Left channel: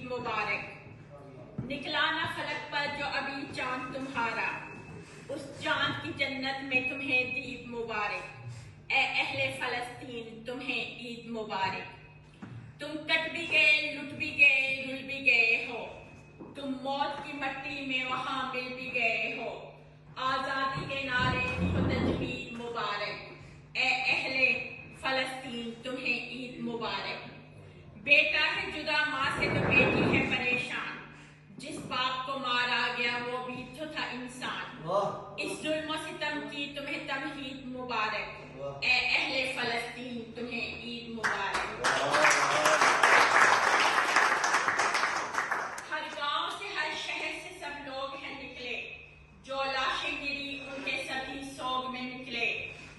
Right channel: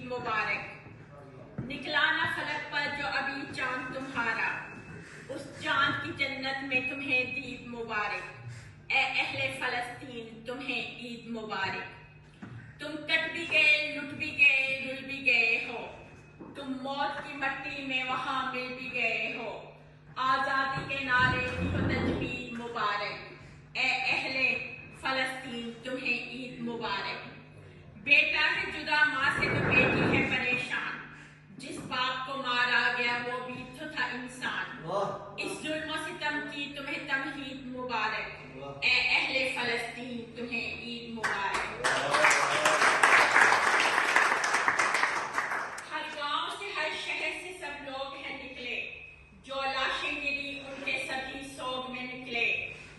عید مبارک۔ نکلا نہ فلک پر جو ابھی چاند تمہارا، اس چاند کی جنت میں تمہیں دید مبارک۔ اے اہل فلسطین تمہیں عید مبارک۔ تم کٹ بھی گئے، لٹ بھی گئے، رل بھی گئے ہو، تم موت کی مٹی میں وہاں مل بھی گئے ہو۔ آزادی کے نعرے کی ہو تجوید مبارک، اے اہل فلسطین تمہیں عید مبارک۔ بیٹا ہے جدا ماں سے تو بیٹی ہے پریشان، جس باپ کو مارا گیا وہ بھی تو تھا انسان۔ اس ظلم و ستم کی تمہیں تمہید مبارک، اے اہل فلسطین تمہیں عید مبارک۔ ہر گاؤں سے ہر شہر سے سب لوگ ہیں نکلے، جو لاشیں گری ان کے سبھی سوگ میں نکلے۔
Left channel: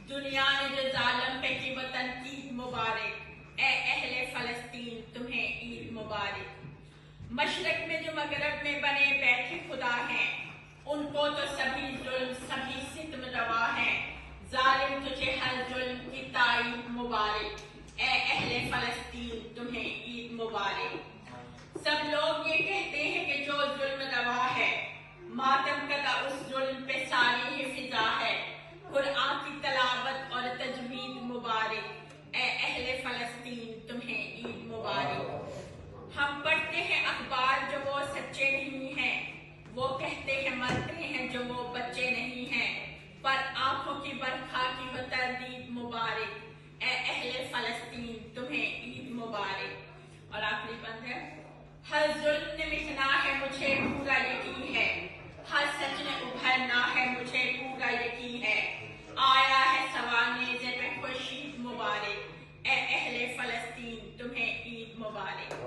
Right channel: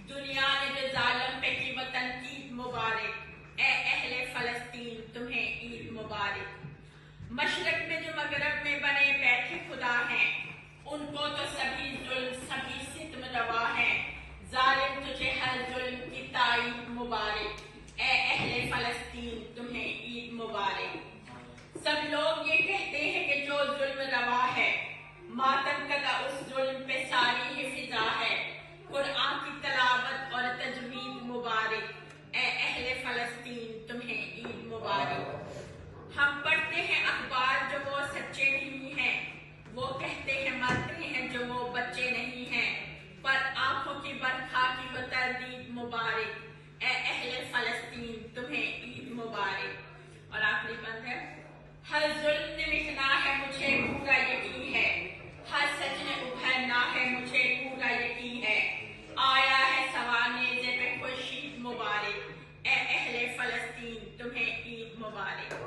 دنیا نے جو ظالم پہ کی وطن عید مبارک، اے اہل فلسطین تمہیں عید مبارک۔ مشرق میں جو مغرب میں بنے بیٹھے خدا ہیں، ان کو تو سبھی ظلم سبھی ستم روا ہیں۔ ظالم تجھے ہر ظلم کی تائید مبارک، اے اہل فلسطین تمہیں عید مبارک۔ سب لوگ یہ کہتے ہیں کہ جو ظلم روا ہے، ماتم کدا اس ظلم پہ ساری ہی فضا ہے۔ قرآن کی تلاوت اور تجوید مبارک، اے اہل فلسطین تمہیں عید مبارک۔ ہم پڑھتے ہیں اخبار جو وہ سچے نہیں ہیں، وہ کہتے ہیں مرتے ہیں جو وہ بچے نہیں ہیں، پر آنکھوں کی برکھا کی وہ تردید مبارک، اے اہل فلسطین تمہیں عید مبارک۔ اور آخری بند ہے، ہر ظلم نے مٹنا ہے مجھے پورا یقین ہے، ہر سچ نے ابھرنا ہے مجھے پورا یقین ہے۔ آیا ہے سوار نیزے پہ خورشید مبارک، اے اہل فلسطین تمہیں عید مبارک۔